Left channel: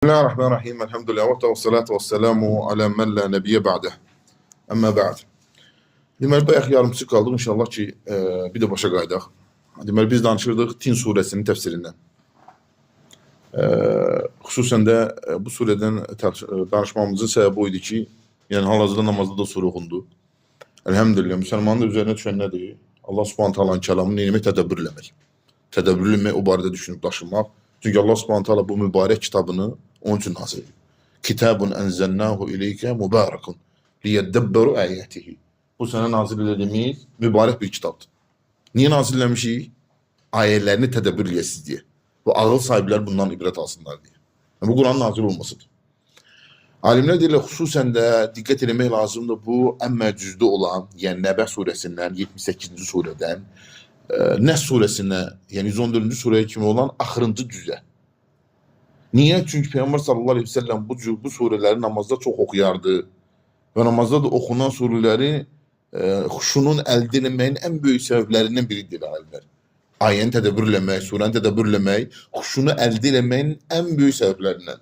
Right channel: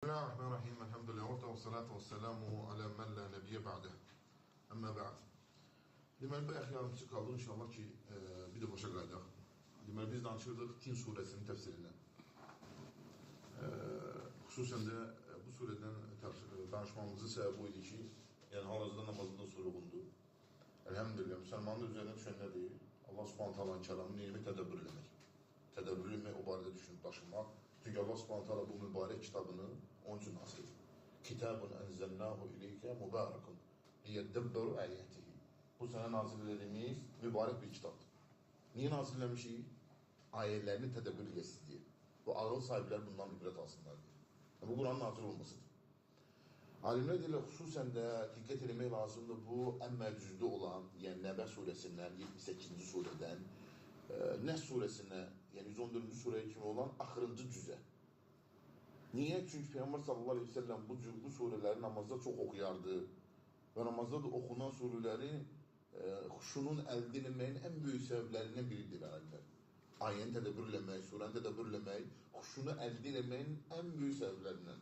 بسم الله الرحمن الرحيم الحمد لله والصلاة والسلام على من لا نبي بعده. Amma ba'd. Deməli, bayaq yarımçı qaldıq. İnşallah ki, bir də başa qaydaq. Deməli, biz danışırdıq Tin surəsinin təfsirindən. Xüsusən də bu surədən danışmamızın səbəbi o idi ki, yəni hal-hazırda namazda da surə oxundu. Elhamdülillah, müsəlmanın da üzərinə düşən nədir? Allah Subhanahu taalanın kəlamını neyləmək, tədəbbür eləmək. Tədəbbür eləmək, o barədə düşünüb daşınmaq. Çünki Allah Subhanahu taala bu mübarək kitabını onun için nazil ediyor. Kitabun enzelnahu ileyke mübarekun liyeddebberu ayatihi. Bu sene nazil edildiğimiz mübarek bir kitaptır. Niye nazillemişik? Ayetlerini tedbir edəsiz diye. Bu ağıl sahipler bundan ibret alsınlar diye. Yani bu Kur'an nazil olmasıdır. Alimler deyirlər, xüsusən də diqqət eləmək lazımdır bu ən məcüzdə olan, yəni Nəbə surəsindən, 78-ci surədən, Nəs surəsinə, yəni 114-cü surəyə kimi olan axırıncı cüzə. Niye? Çünkü Peygamber sallallahu aleyhi ve sellem bu sureleri namazda çok okuyardı. Ve namazda da okunan sureleri huşunun elde edilmenin en büyük sebeplerinden biridir alimler. Ayeni tedbirlemek, surenin tedbirlemek, huşunu elde edilmenin en büyük sebeplerinden.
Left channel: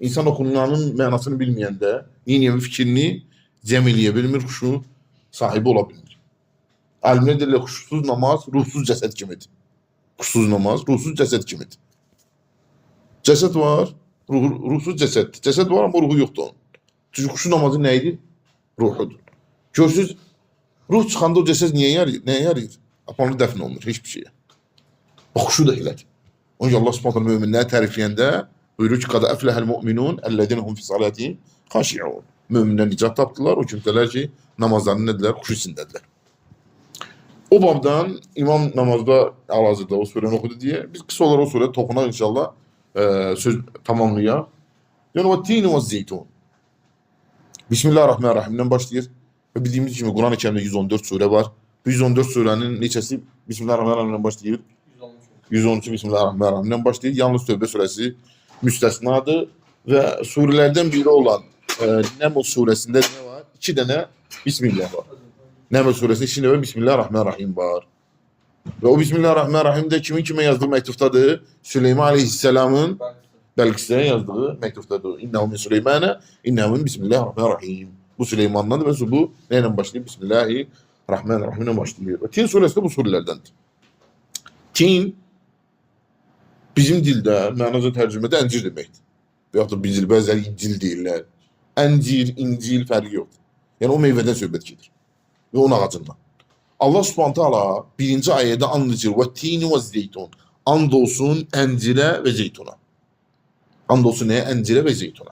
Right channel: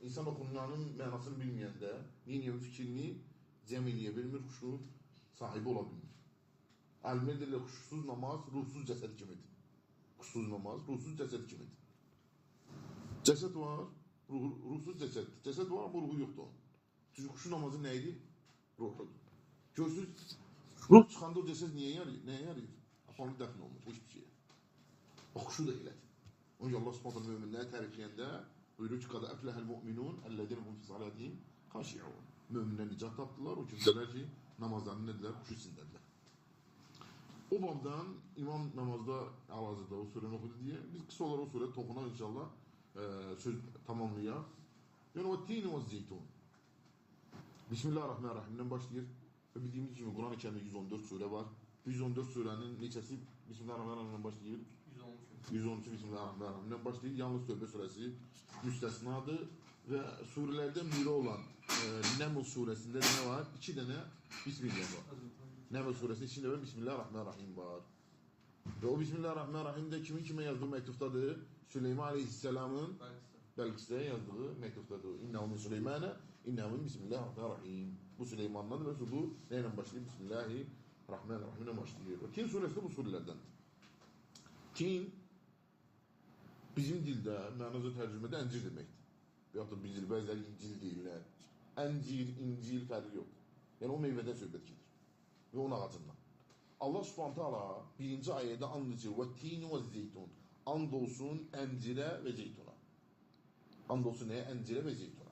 İnsan okunanın manasını bilmeyen de yeni fikrini cemeleyebilir, huşu sahibi olabilir. Alimler derler, huşsuz namaz, ruhsuz ceset kimidir. Huşsuz namaz, ruhsuz ceset kimidir. Ceset var, ruhsuz ceset. Ceset var ama ruhu yoktu onun. Çünkü huşu namazı neydi? Ruhudur. Görsüz, ruh çıxanda o ceset neye yarayır? Apanlı dəfn olunur, hiçbir şeye. Huşu da elədir. Onun Allah subhanahu müminləri tərifləyəndə buyurur ki, qad əfləhəl mu'minun əlləzinəhum fi salatihim xaşi'un. Müminlər nicat tapdılar, o kimsələr ki, namazlarını nədirlər? Huşu içindədirlər. O babdan imam namazda hal-hazırda o surəni oxudu diye biz kısa olarak o surədə toxunaq inşallah. Söz tamamlayaq. Yəni o tin və zeytun. Bismillahirrahmanirrahimdən başlayır. Və bildiyimiz kimi Quran-ı Kərimdə 114 surə var. Bu 114 surənin neçəsi Bismillahirrahmanirrahimdən başlayır? 112 Bismillahirrahmanirrahimdən başlayır. Yalnız Tövbə surəsi müstəsnadır və surələrdən biri olan Nəml surəsində nə var? 2 dənə Bismillah var. Nəml surəsində 2 dənə Bismillahirrahmanirrahim var. Ve o Bismillahirrahmanirrahim'de kimin kime yazdığı mektuftadır? Süleyman Aleyhisselam'ın Belkıs'a yazdığı mektuftadır. İnnehu min Süleymane, innehu min Bismillahirrahmanirrahim. Bu Süleyman'dan ve bu neyle başlıyor? Bismillahirrahmanirrahim'le başlıyor. Ve Tin suresi de bu surelerdendir. Tin bizim dilde, mənaca tərcümədə əncir deməkdir. Veyahut da bizil, bəzələri incil deyirlər. Əncir, incil fərqi yoxdur. Yəni o meyvədən söhbət gedir. Ve onun ağacından. Allah Subhanahu taala birinci ayette anlatır. Ve tini ve zeytun. Andolsun encire ve zeytuna. Andolsun neye? Encire ve zeytuna.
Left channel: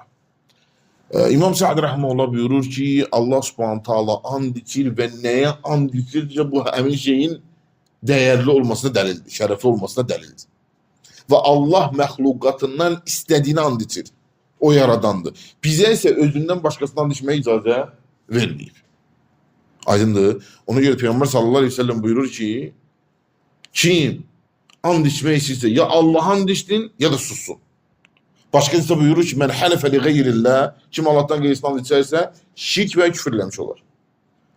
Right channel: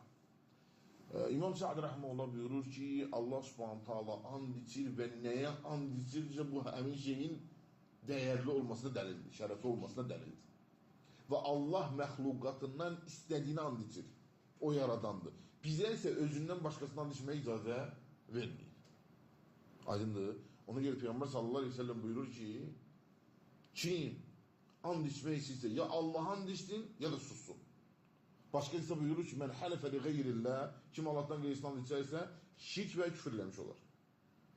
İmam Sa'd rahmetullah buyurur ki Allah Subhanahu taala and içir ve neye and içirce bu emin şeyin değerli olmasına delildir. Şerefli olmasına delildir. Ve Allah məxluqatından istediğini and içir. O yaradandı. Bize ise özünden başkasından and içmeye icazə vermeyip. Aydındır. Ona göre Peygamber sallallahu aleyhi ve sellem buyurur ki kim and içmeyi istəyirsə ya Allah'a and içsin ya da sussun. Başkası da buyurur ki men halefe li gayrillah, kim Allah'tan qeyrisinə and içərsə şirk və küfür eləmiş olar.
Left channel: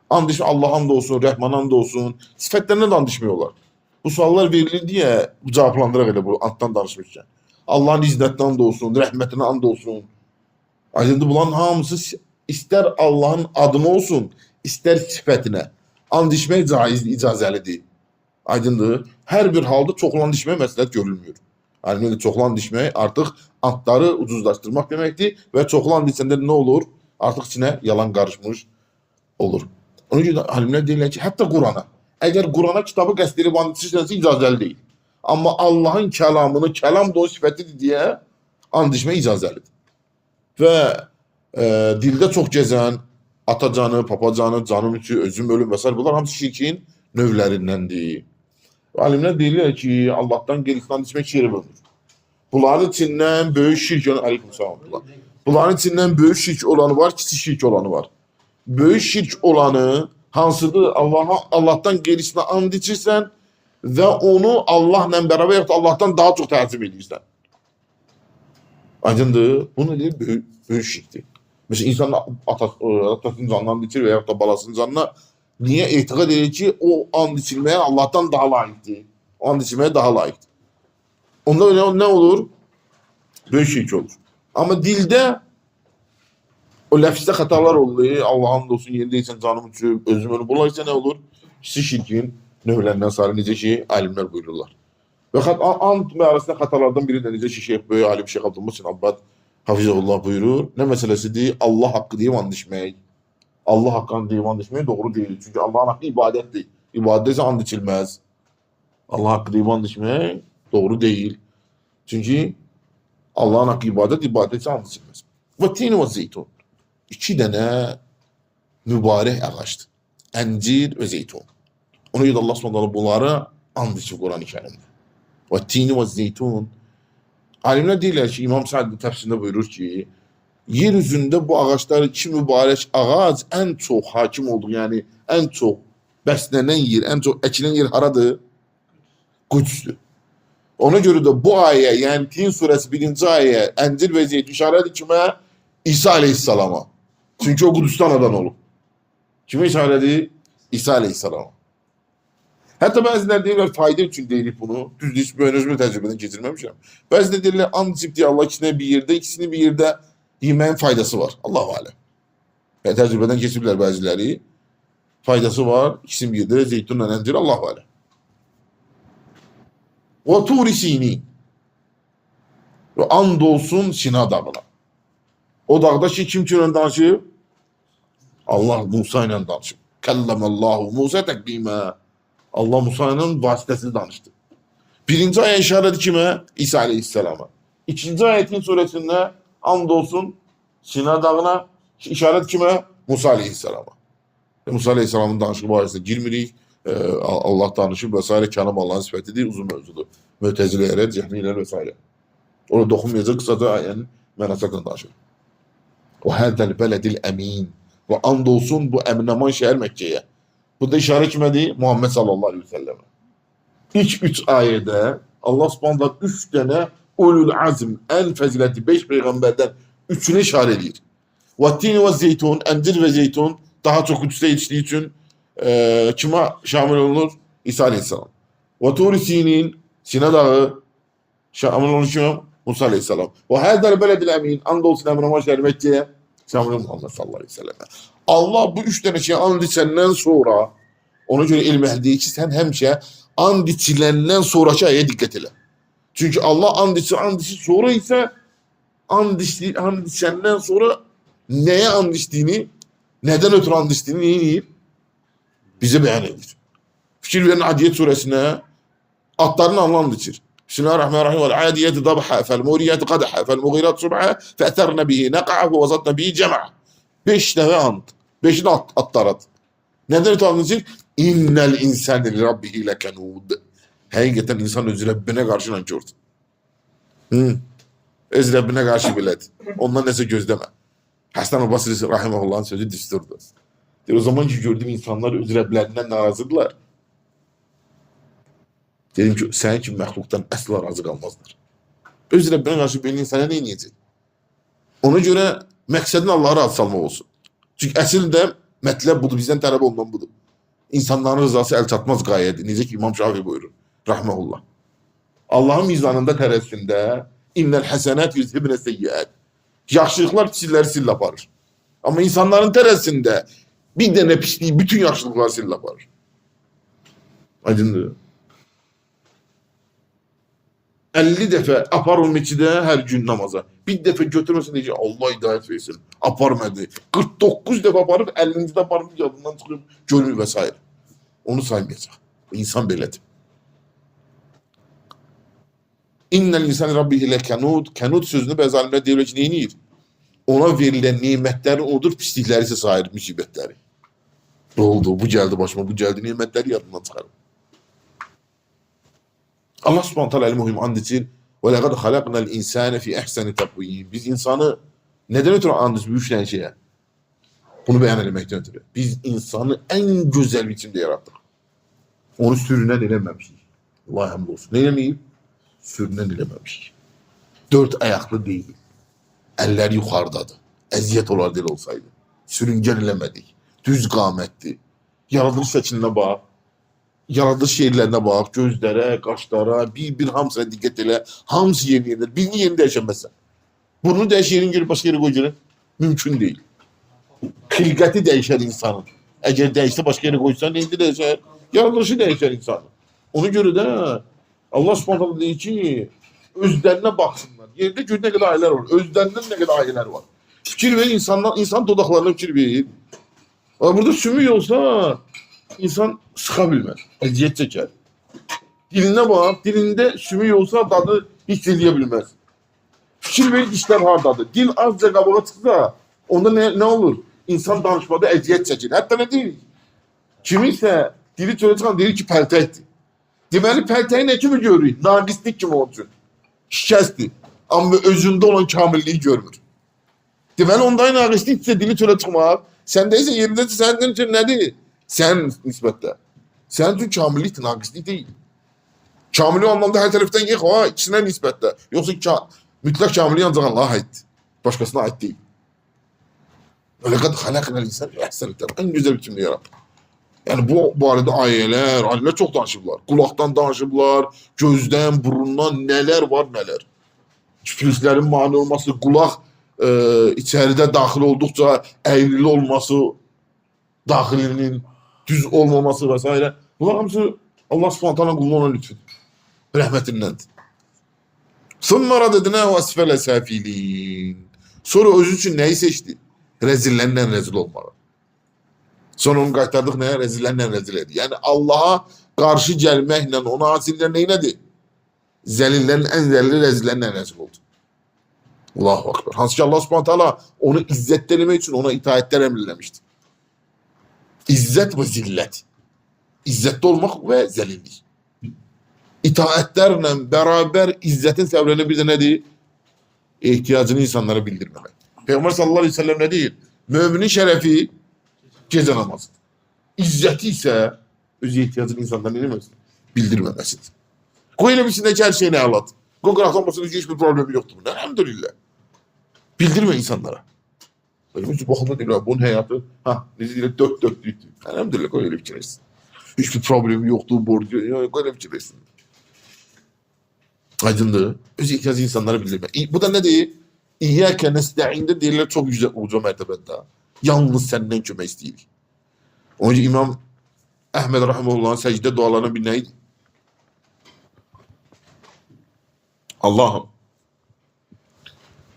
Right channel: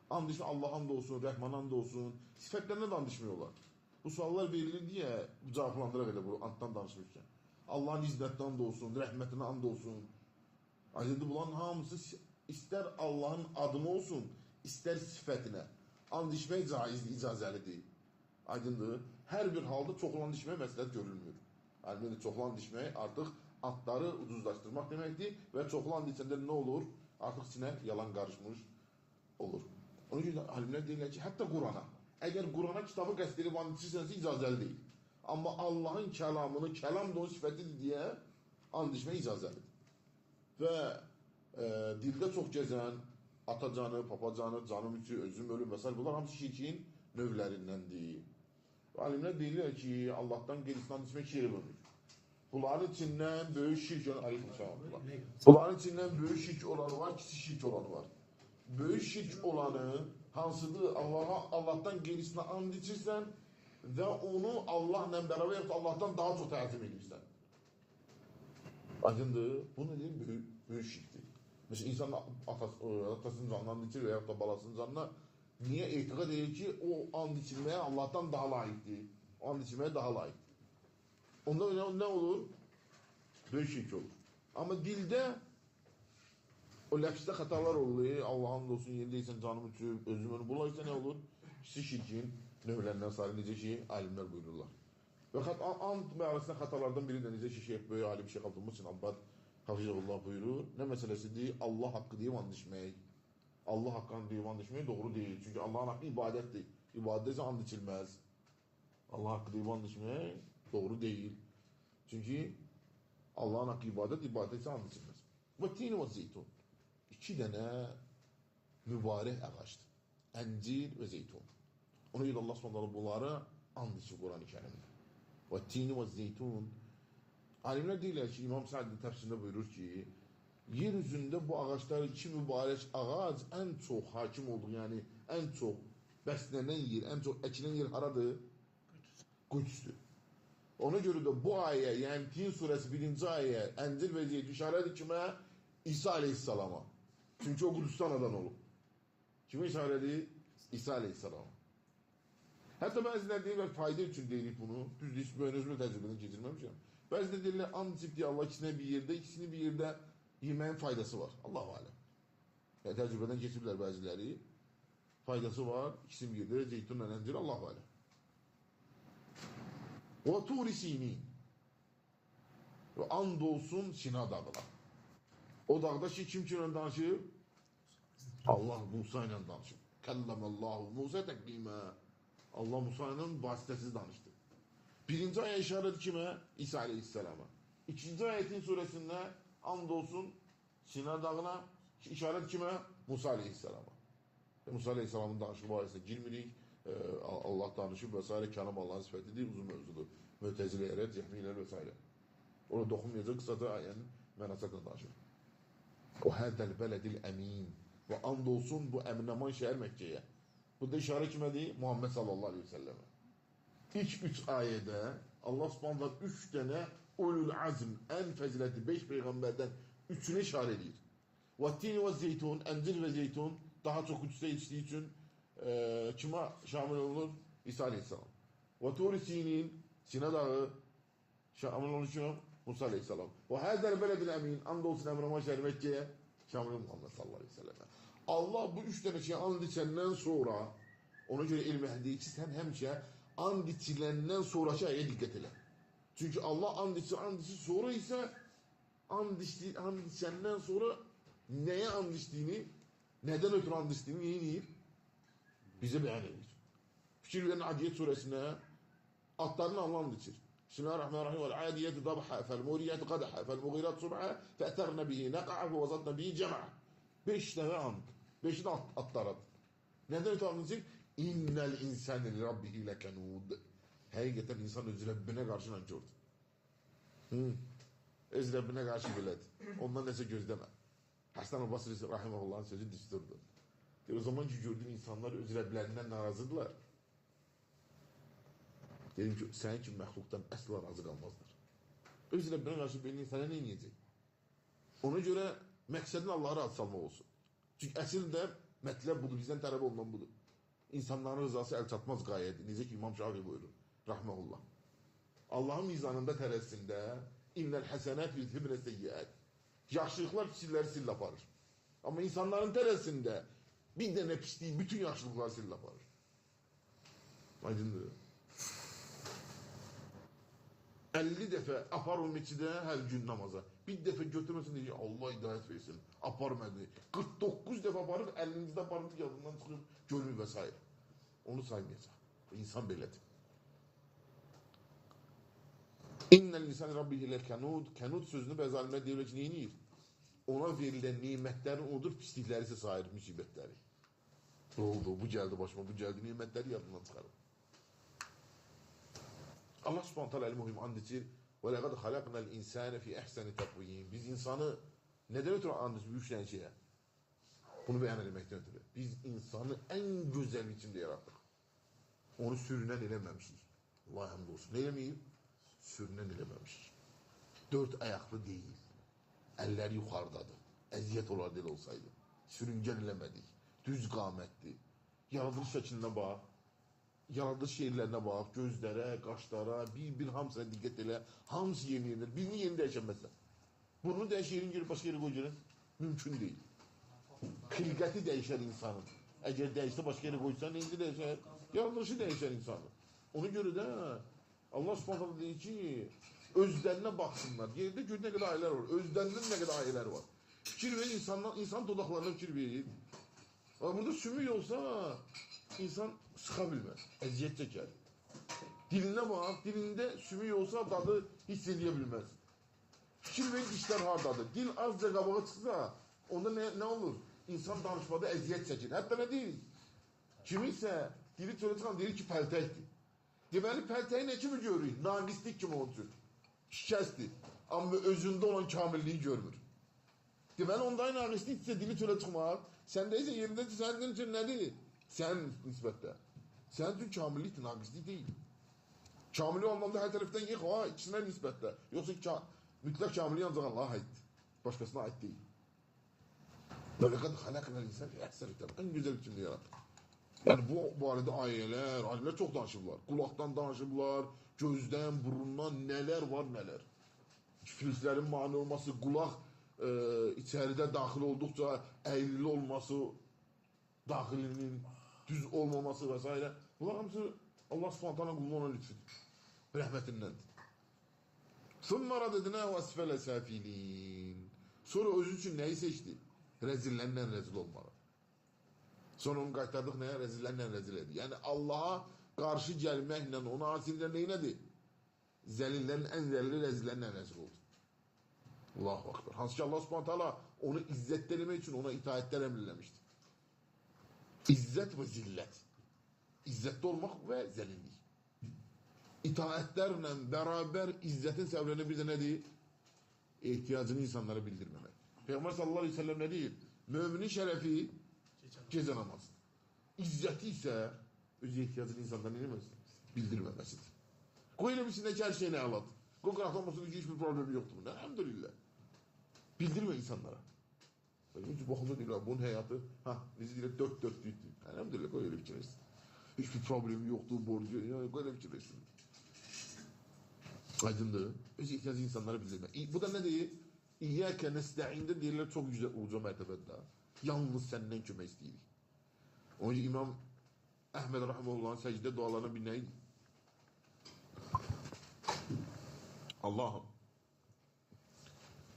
And içmək Allah'a and olsun, Rəhmana and olsun, sifətlərinə də and içmiyorlar. Bu suallar verilir diye cavablandıraq elə bu anddan danışmışkən. Allah'ın izzətinə and olsun, rəhmətinə and olsun. Aydındır, bunların hamısı ister Allah'ın adını olsun, İster sifətinə and içmək icazəlidir. Aydındır. Hər bir halda çoxlu and içmək məsləhət görülmüyor. Yəni çoxlu and içmək artıq andları ucuzlaşdırmaq deməkdir və çoxlu and içəndə nə olur? Artıq içinə yalan qarışmış olur. Ona görə alimlər deyirlər ki, hətta Qurana, əgər Qurana kitabı qəsd edib and içirsənsə icazəli deyil. Amma Allahın kəlamını, kəlam da o sifətidir deyə and içmək icazəlidir. Və dildə çox gəzən atacanı, papacanı, canım içi, özüm ölüm vesaire bunlar hamısı şirkin növlərindəndir. Alimlər deyirlər ki Allah'tan qeyrisinə içmək şirk bölünür. Bunların içindən böyük şirk Bunların içindən böyük şirk olanı var, kiçik şirk olanı var. Böyük şirk olanı hansıdır? Allah'tan qeyrisinə and içirsən və onu Allahla bərabər yaxud Allah'tan daha çox təzim edirsən. Aydındır. Bunu deyir böyük şirkdir. Mesela insan atasının canına and içir veya da balasının canına niye etiqad edir ki o and içilmeye Allah'tan daha layıktır. O and içilmeye daha layıktır. Onda öyle ne olur? Böyük şirk olur. Amma dildə o ləfzdə xətalar olur. Allah'ın olsun yerindəysən canım üçün özüm onu bulaysa nə olur? İkisi şirkin növlərindən sarı necə ki alimlər buyururlar. Və and arasında xətalardan biri də necə ki Şeyx böyük alim Şeyx Abdülmuhsin Abbad Hafizullah buyurur. Nə məsələsidir? Allah haqqı deyib and içmək. Allah haqqını deyib and içmək doğru deyil. Çünki Allah'ın haqqı ibadətdir. İbadət isə and içilməz. Allah haqqı deyib and içmək doğru deyil. Çünki Allah'ın haqqı ibadət, ibadət isə and içilməz. Və tin və zeytun. İki dənə mübarək ağacdır. Əncir və zeytun. Ona görə Allah Subhanahu bunları and içib Quran-ı Kərimdə. Və tin və zeytun. Alimlər deyirlər ki, İmam Sa'd təfsirində buyurur ki, yer üzündə bu ağaçlar iki mübarək ağac ən çox hakim olduğu, yəni ən çox bəslənən yer, ən çox əkilən yer haradır? Qüdsdür. Ona görə də bu ayə, yəni Tin surəsi 1-ci ayə, Əncir və Zeytun işarədir kimə? İsa aleyhissalama. Çünki o Qudüsdən anadan olub. Kimə işarədir? İsa aleyhissalama. Hətta bəzilər deyirlər, fayda üçün deyilik bunu. Düzdür, heç böyünüzmü təcrübədən keçirməmişəm. Bəzilər deyirlər, and içib deyə Allah ikisini bir yerdə yeməyin faydası var. Allahu aləm. Yəni, təcrübədən keçiblər bəziləri. Faydası var, ikisini bir yerdə zeytunla əncir, Allahu aləm. Və Tur-i Sinin. Və and olsun Sina dağına. O dağda ki, kim kimlə danışıb? Allah Musa ilə danışıb. Kəlləməllahu Musa təqdimə. Allah Musa ilə vasitəsini danışdı. Birinci ayə işarədir kimə? İsa aleyhissalama. İkinci ayetin surəsində and olsun Sina dağına. İşarət kimə? Musa aleyhissalama. Musa aleyhissalamın danışığı barəsində girmirik. Allah danışıb və s. Kəlam Allah'ın sifətidir, uzun mövzudur. Mütəzilələrə, cəhmiyyələr və s. Orada doxunmayacaq, qısaca ayənin mənasaqla danışır. O hədəl bələdil əmin. Və and olsun bu əmin-əman şəhər Məkkəyə. Bu da işarə kimədir? Muhammed sallallahu aleyhi ve sellemə. İlk 3 ayədə Allah subhanallah 3 dənə ulul azm, ən fəzilətli 5 peyğəmbərdən 3-ünü işarə edir. Və tin və zeytun, əncir və zeytun daha çox qüdsdə yetişdiyi üçün kimə şamil olunur? İsa aleyhissalam. Və Tur-i Sinin, Sina dağı şamil olunur kimə? Musa aleyhissalam. Və hədəl bələdil əmin, and olsun əmin-əman şəhər Məkkəyə şamil olunur Muhammed sallallahu aleyhi ve sellemə. Allah bu 3 dənə şey and içəndən sonra, ona görə elm əhli deyir ki, sən həmişə and içiləndən sonraki ayəyə diqqət elə. Çünki Allah and içir, sonra isə and içəndən sonra nəyə and içdiyini, nədən ötürü and içdiyini neyir? Bizə bəyan edir. Fikir verin Adiyyət surəsinə, atların and içir. Bismillahirrahmanirrahim. Vəl-adiyyəti dabhə, fəl-muriyyəti qadhə, fəl-muğirət subhə, fəətərnə bihi nəqa'ə və vəzatnə bihi cəmə. 5 dəvə and. 5'i de atlar. Neden and içir? İnnel insani li rabbihi lekanud. Hakikaten insan öz Rabbine karşı nankördür. Öz Rabbine karşı bilet. Ondan neyse gözleme. Hasan-ı Basri rahimahullah'ın sözü düsturdu. O zaman ki gördüğüm insanlar öz Rablerinden narazıdırlar. Dedim ki sen ki məxluqdan əsla razı qalmazlar. Öz Rabbine karşı bir insana ne yiyecek? Ona göre məqsədin Allah'a razı salmaq olsun. Çünki əsl də mətləb budur, bizdən tələb olunan budur. İnsanların rızası əl çatmaz qayədir. Necə ki İmam Şafii buyurur, rahmehullah. Allahın mizanında tərəzisində innel həsənət yüzhibnə seyyiət. Yaxşılıqlar pislikləri sil aparır. Amma insanların tərəzisində bir dənə pisliyi bütün yaxşılıqları sil aparır. Aydındır. 50 dəfə apar o meçidə hər gün namaza. Bir dəfə götürməsin deyəcək, Allah hidayət versin. Aparmadı. 49 dəfə aparıb, 50-ci də aparıb, yadından çıxıb, görmür və s. Onu saymayacaq. İnsan belədir. İnnel insan rabbihi lekanud. Kanud sözünü bəzi alimlər deyirlər ki, neyinir? Ona verilən nimətləri odur, pislikləri isə sayır, müsibətləri. Ne oldu? Bu gəldi başıma, bu gəldi, nimətləri yadından çıxarım. Allah subhanahu teala el-muhim and için ve lekad halaknal insane fi ehseni takvim. Biz insanı neden ötürü andız bu üç tane şeye? Bunu beyan etmekten ötürü. Biz insanı en güzel biçimde yarattık. Onu sürünen eləməmişik. Allah hamdolsun. Ne eləməyib? Sürünen eləməmişik. 4 ayaklı değil. Eller yukarıdadır. Eziyet olar dil olsaydı. Sürüngen eləmədik. Düz qamətli. Yaradılış şəklinə bax. Yaradılış yerlərine bax, gözlərə, qaşlara, bir hamısına diqqət elə, hamısı yeni yerlər. Birini yerində yaşaməsən. Burnu değişir, girip başka yere koy. Mümkün değil. Xilqəti değişer insanın. Eğer değişse başka yere koysan neydi değişer? Yaratılışı değişer insanın. Ona göre de Allah subhanahu deyir ki özlerine baksınlar. Yerde gör ne kadar aileler var. Özlerinden ne kadar aileler var. Fikir verir insanlar, insan dodaklarına fikir verir. Ama burada sümük olsa insan sıxa bilmez. Əziyyət çəkər. Diline bak, dilinde sümük olsa dadı hiç edebilmez. Fikir verir işler hardadır. Dil azca qabağa çıxsa onda ne olur? İnsan danışmada əziyyət çəkir. Hətta ne deyir? Kimisə dili çölə çıxan deyir ki pəltəkdir. Deməli pəltəyi nə kimi görür? Naqislik kimi olsun. Şikəstdir. Amma özündə olan kamilliyi görmür. Deməli ondan naqisliksə dili çölə çıxmaq. Səndə isə yerindəsə sənin üçün nədir? Sən nisbətdə. Sənin üçün kamillikdir, naqislik deyil. Kamillik anlamda hər tərəfdən yıx, ha, ikisinə nisbətdə. Yoxsa mütləq kamillik ancaq Allah'a aiddir. Başqasına aid deyil. Laqad xalaqnal insana fi ahsani taqvim. En güzel biçimde yarattı. Yani bu arada aileler çok danışıblar. Kulaktan danışıblar, gözden, burundan neler var neler. Küfürlerin mani olması, kulak içeride dahil oldukça eğrili olması, dahilinin düz olmaması vesaire. Bunlar hamısı Allah subhanahu ta'ala kuluna olan lütfü. Rahmetindendir. Sonra dedine ve asfele safilin. Sonra özü için neyi seçti? Rezillerle rezil olmalı. Sonra onu qaytardıq nəyə? Rezillərlə rezil edir. Yəni Allah'a qarşı gəlməklə ona asillər neynədir? Zəlillərin ən zəlili rezillərlə rezil oldu. Allahu Akbar. Hansı ki Allah subhanahu ta'ala onu izzətləmək üçün ona itaətlər əmrləmişdi. İzzət və zillət. İzzətli olmaq və zəlillik. İtaətlərlə bərabər izzətin səbəblərinə bir də nədir? İhtiyacını insanlara bildirməmək. Peyğəmbər sallallahu aleyhi ve sellem nə deyir? Müminin şərəfi gecə namazıdır. İzzəti isə öz ihtiyacını insanlara bildirməsin. Bildirməməsidir. Qoy elə bilsindəki hər şeyini əlat. Qoy qıraqlanmasının hiçbir problemi yoxdur. Elhamdülillah. Bildirmə insanlara. Böyle bir bakımda deyirlər, bunun həyatı, necə deyirlər, dört dörtlükdür. Elhamdülillah, qoy elə fikirləşsin. Hiçbir problemi yoxdur, borcu, qoy elə fikirləşsin. Aydındır. Öz ihtiyacı insanlara bildirmə. Bu da nə deyir? İyyəkə nəstəində deyirlər, çox yüksək uca mərtəbədə. Yalnız səndən kömək istəyirik. Onun için İmam Əhməd Rahimullah'ın səcdə dualarına bir neydi? Allah'ım,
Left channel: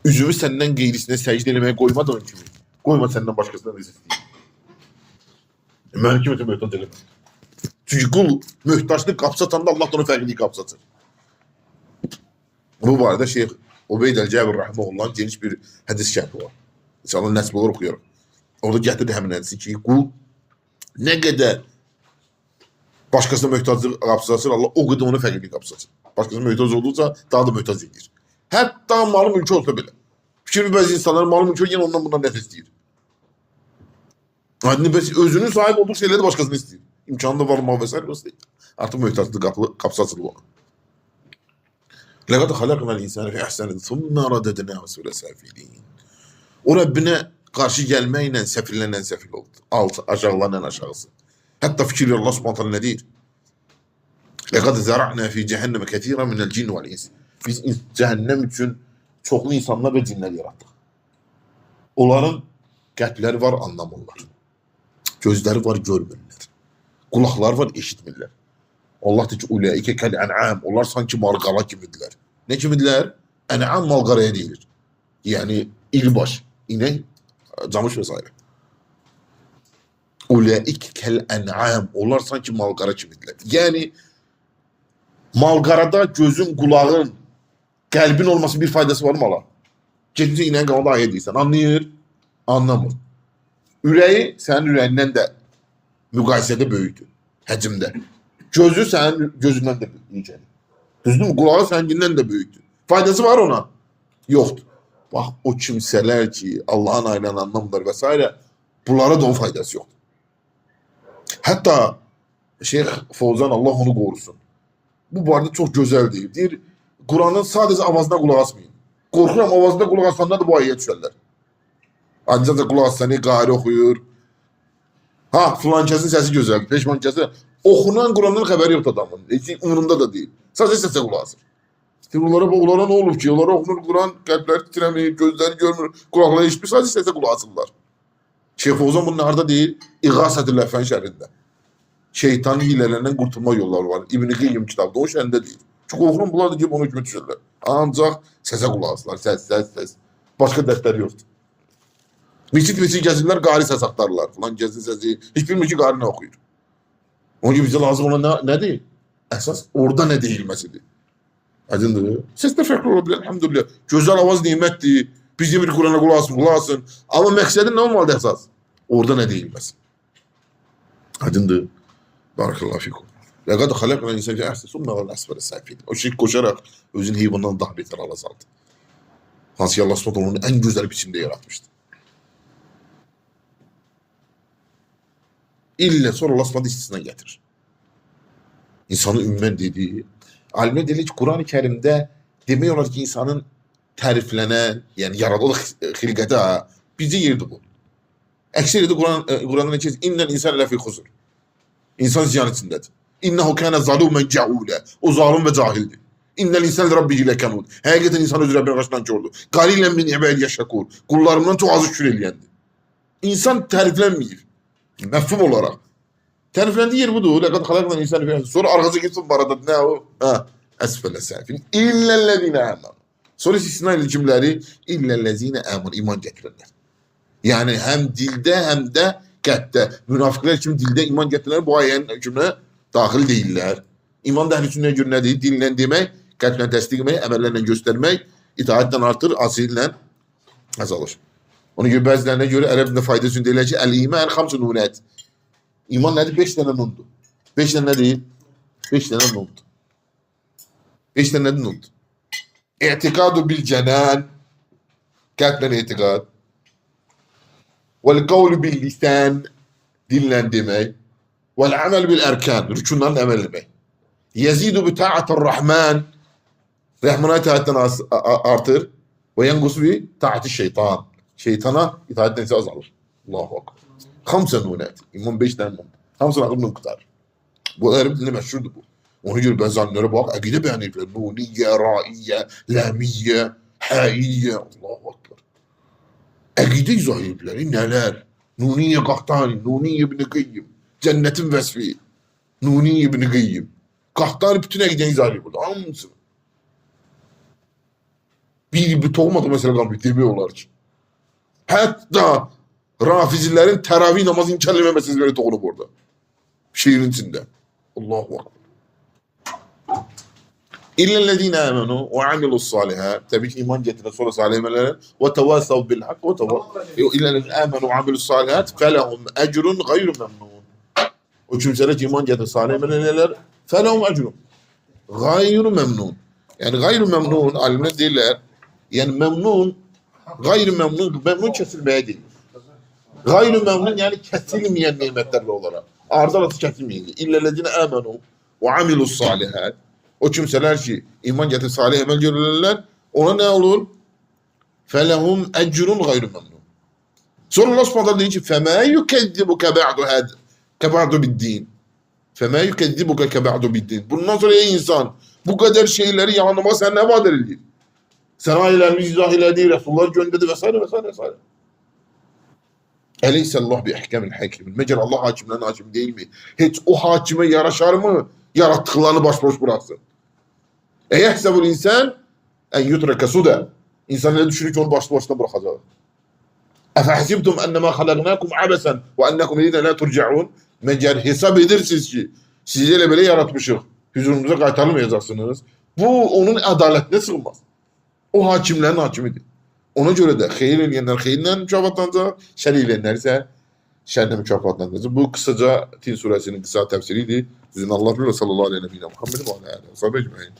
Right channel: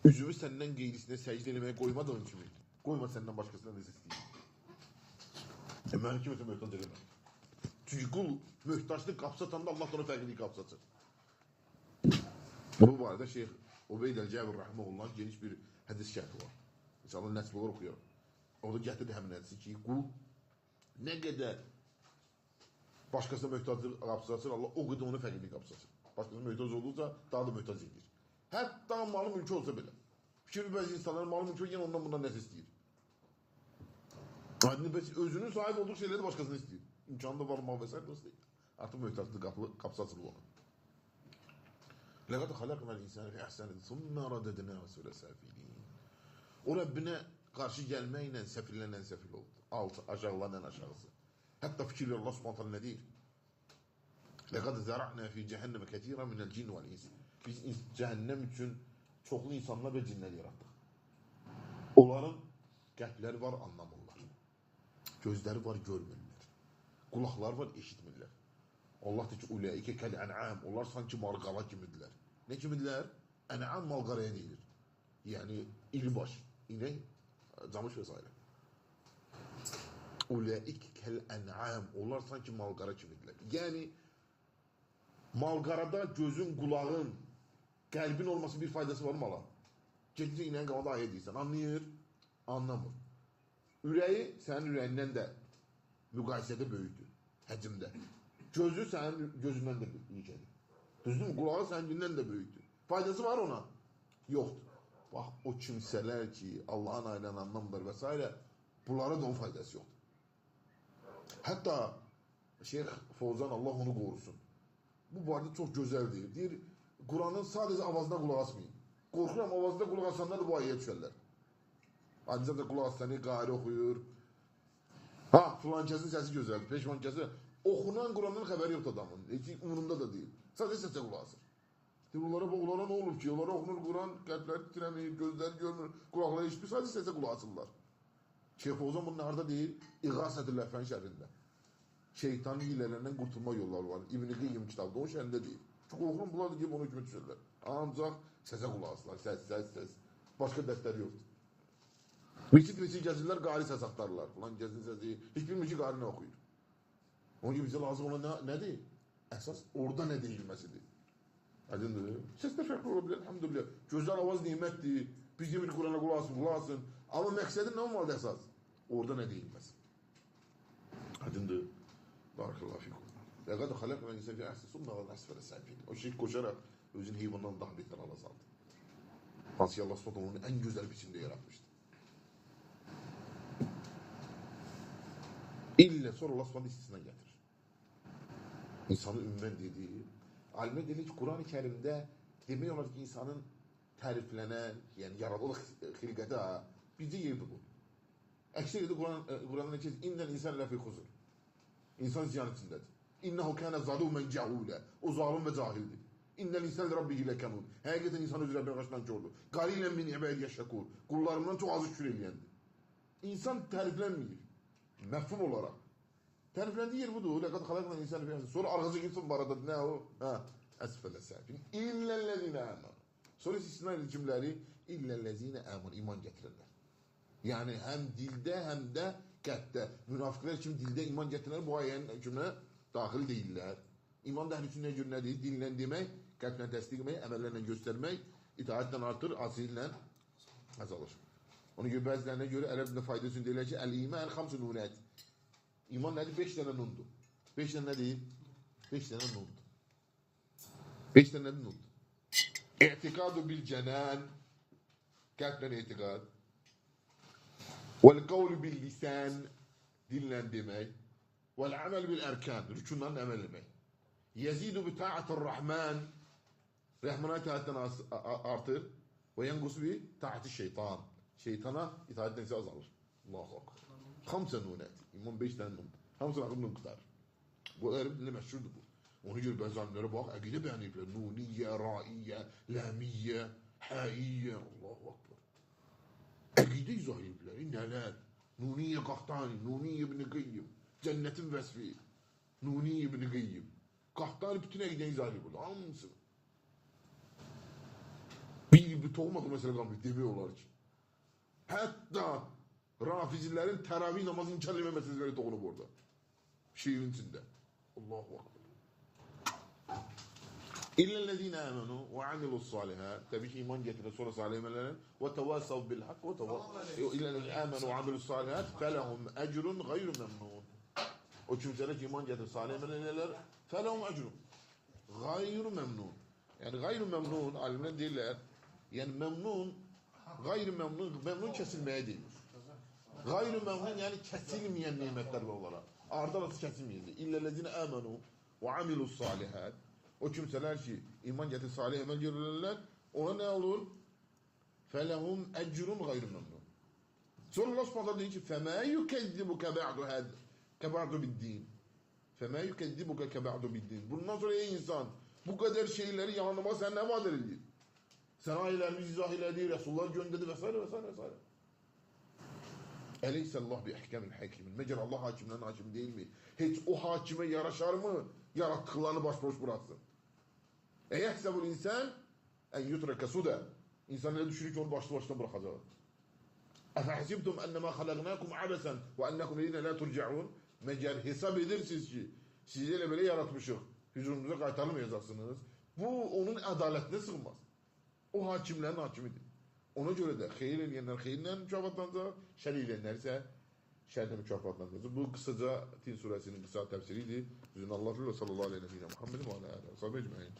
üzümü səndən qeyrisine səcdə eləməyə qoymadığın kimi, qoyma səndən başqasına da istəyir. Mənim kimi möhtac eləmə. Çünki qul möhtaçlıq qapsatanda Allah da onu fərqlilik qapsatır. Bu barədə Şeyx Ubeyd el-Cəbir Rahimullah'ın geniş bir hədis şərhi var. İnşallah nəsib olur oxuyarıq. Orada gətirdi həmin hədisi ki, qul nə qədər başqasına möhtaclıq qapsasır, Allah o qədər onu fərqlilik qapsasır. Başqasına möhtac olursa daha da möhtac edir. Hətta malı mülkü olsa belə. Fikir bəzi insanların malı mülkü yenə ondan bundan nəfs istəyir. Yani özünün sahip olduğu şeyləri də başqasını istəyir. İmkanı da var, mal və s. Artıq möhtaclıq qapsasır bu. Ləqəd xalaqnal insana fi ahsani thumma radadnahu asfala safilin. O Rəbbinə qarşı gəlməklə səfillərlə səfil oldu. Altı, aşağılarla aşağısı. Hətta fikir Allah subhanahu ta'ala nə deyir? Ləqəd zəra'na fi cəhənnəmə kəsirən minəl cin vəl ins. Biz cəhənnəm üçün çoxlu insanlar və cinlər yaratdıq. Onların qəlbləri var, anlamırlar. Gözləri var, görmürlər. Qulaqları var, eşitmirlər. Allah deyir ki, uləikə kəl-ən'am. Onlar sanki malqara kimidirlər. Nə kimidirlər? Ən'am malqaraya deyilir. Yəni ilbaş, inək, camış və s. Uləik kəl-ən'am. Onlar sanki malqara kimidirlər. Yəni malqarada gözün, qulağın, qəlbin olması bir faydası var mı ala? Gedincə inəyin qanada ayə deyirsən. Anlayır? Anlamır. Ürəyi sənin ürəyindən də müqayisədə böyükdür. Həcimdə. Gözü sənin gözündən də büyükdür. Düzdür mü? Qulağı səngindən də böyükdür. Faydası var ona? Yoxdur. Bax, o kimsələr ki, Allah'ın ayrılan anlamlar və s. Bunlara da onun faydası yoxdur. Hətta Şeyx Fozan, Allah onu qorusun. Bu barədə çox gözəl deyir. Deyir, Kur'an'ın sadəcə avazına qulaq asmayın. Qorxuram, avazına qulaq asanlar da bu ayəyə düşərlər. Ancaq da qulaq asanı qari oxuyur. Filankəsin səsi gözəldir, peşmankəsi. Oxunan Kur'an'ın xəbəri yoxdur adamın. Heç umurunda da deyil. Sadəcə səsə qulaq asır. İşte onlara ne olur ki? Onlara okunur Kur'an, kalpler titremiyor, gözler görmür, kulakları hiçbir sadece sese kulak asırlar. Şeyh Fozan bunun nerede değil? İğasatül Lefen şerrinde. Şeytanın hilelerinden kurtulma yolları var. İbn-i Qeyyim kitabında o şerrinde değil. Çünkü okunun bunlar da gibi onu hükmet düşürler. Ancak sese kulak asırlar. Ses. Başka dertleri yoktur. Miçit gezirler, gari ses aktarlar. Falan gezin sesi. Hiç bilmiyor ki gari ne okuyor. Onun gibi bize lazım olan ne değil? Esas orada ne değilmesidir. Aydındır. Ses de farklı olabilir elhamdülillah. Güzel avaz nimettir. Bizim bir Kur'an'a kulak asın. Ama meksedin ne olmalı esas? Orada ne değilmez. Aydındır. Barakallahu fikum. Lekad halakna insan fi ahseni sümme vel asfel safilin. O şirk koşarak özünü hayvandan daha beter ala saldı. Hansı Allah SWT onu en güzel biçimde yaratmıştı. İlle sonra Allah SWT istisna getirir. İnsanı ümmen dediği, alimler dedi ki Kur'an-ı Kerim'de demiyorlar ki insanın təriflənən, yəni yaradılıq xilqəti bizə yerdir bu. Əksəriyyəti Qur'an'da ne ki, İnnel insan ləfi xuzur. İnsan ziyan içindədir. İnnehu kânə zalûmen cəhûlə. O zalim və cahildir. İnnel insan rabbihi ləkanud. Həqiqətən insan öz Rəbbinə qarşı nankördür. Qalilən min ibadiyyə yəşəkur. Qullarımdan çox azı şükür eləyəndir. İnsan təriflənməyir. Məfhum olarak. Tərifləndiyi yer budur. Ləqad xalaqnal insana fi ahseni. Sonra arxası gitsin barada nə o? Əsfələ safilin. İllellezine amanu. Sonra istisna ilə kimləri? İllellezine amanu. İman gətirənlər. Yani hem dilde hem de qəlbdə. Münafıqlar kimi dilde iman gətirənlər bu ayənin hükmünə daxil deyirlər. İman da əhl-i sünnəyə görə nədir? Dillə demək, qəlblə təsdiq etmək, əməllərlə göstərmək, itaətdən artır, asirlə azalır. Ona görə bəzilərinə görə ərəb dilində fayda üçün deyilir ki, əl-iman xamsu nunət. İman nədir? 5 dənə nundur. 5 dənə nədir? 5 dənə nundur. 5 dənə nədir nundur? İ'tikadu bil cənən. Qəlblə etiqad. Vel kavlu bil lisan. Dillə demək. Vel amel bil erkan. Rükunlarla əməl etmək. Yezidu bi ta'atir rahman. Rahmana itaətten artır. Ve yengusu bi ta'ati şeytan. Şeytana itaətten ise azalır. Allahu akbar. Hamsa nunət. İman 5 dənə nundur. Hamsa aklımdan tutar. Bu Ərəb dilində məşhurdur bu. Ona görə bəzi alimlərə bax, əqidə bəyan edirlər. Nuniyyə, raiyyə, ləmiyyə, həyiyyə. Allahu akbar. Əqidə izah edirlər. Nələr? Nuniyyə Qahtani, Nuniyyə ibn Qeyyim. Cənnetin vəsfi. Nuniyyə ibn Qeyyim. Qahtani bütün əqidən izah edir burada. Hamısını. Bir toxumadı məsələ qalmıyor. Demək olar ki. Hətta Rafizilərin təravih namazı inkar etmə məsələləri toxunub orada. Şiirin içində. Allahu akbar. İllellezine amenu ve amilus salihat. Tabii ki iman getirene sonra salih amellerin ve tevasav bil hak ve tevasav. İllellezine amenu ve amilus salihat felehum ecrun gayru memnun. O kimseler ki iman getirene salih amellerler felehum ecrun gayru memnun. Yani gayru memnun alimler değiller. Yani memnun gayru memnun kesilmeye değil. Gayru memnun yani kesilmeyen nimetlerle olarak. Ardı arası kesilmeyen. İllellezine amenu ve amilus salihat. O kimseler ki iman getirip salih emel görürler, ona ne olur? Felehum ecrun gayru memnun. Sonra Allah subhanahu diyor ki فَمَا يُكَذِّبُكَ كَبَعْدُ بِالدِّينِ فَمَا يُكَذِّبُكَ كَبَعْدُ بِالدِّينِ. Bundan sonra ey insan bu kadar şeyleri yalanlama sen ne vaat edildi? Sen ayetlerimizi izah eyledi, Resulullah gönderdi vesaire vesaire vesaire. Eleyhissallahu bi ihkamil hakimin. Meğer Allah hakimlerin hakim değil mi? Hiç o hakime yaraşar mı? Yarattıklarını başboş bıraksın. Eyehsebul insan en yutreke suda. İnsan ne düşünür ki onu başlı başına bırakacak. Efehsibtum ennemâ halaknâkum abesen ve ennekum ileyne la turcaun. Meğer hesap edersiniz ki sizi öyle böyle yaratmışız. Huzurunuza kaytarılmayacaksınız. Bu onun adaletine sığmaz. O hakimlerin hakimidir. Ona göre de hayır eleyenler hayırla mükafatlanacak, şer eleyenler ise şerle mükafatlanacak. Bu kısaca Tin suresinin kısa tefsiriydi. Sizin Allah sallallahu aleyhi ve sellem Muhammed ve aleyhi ve sellem.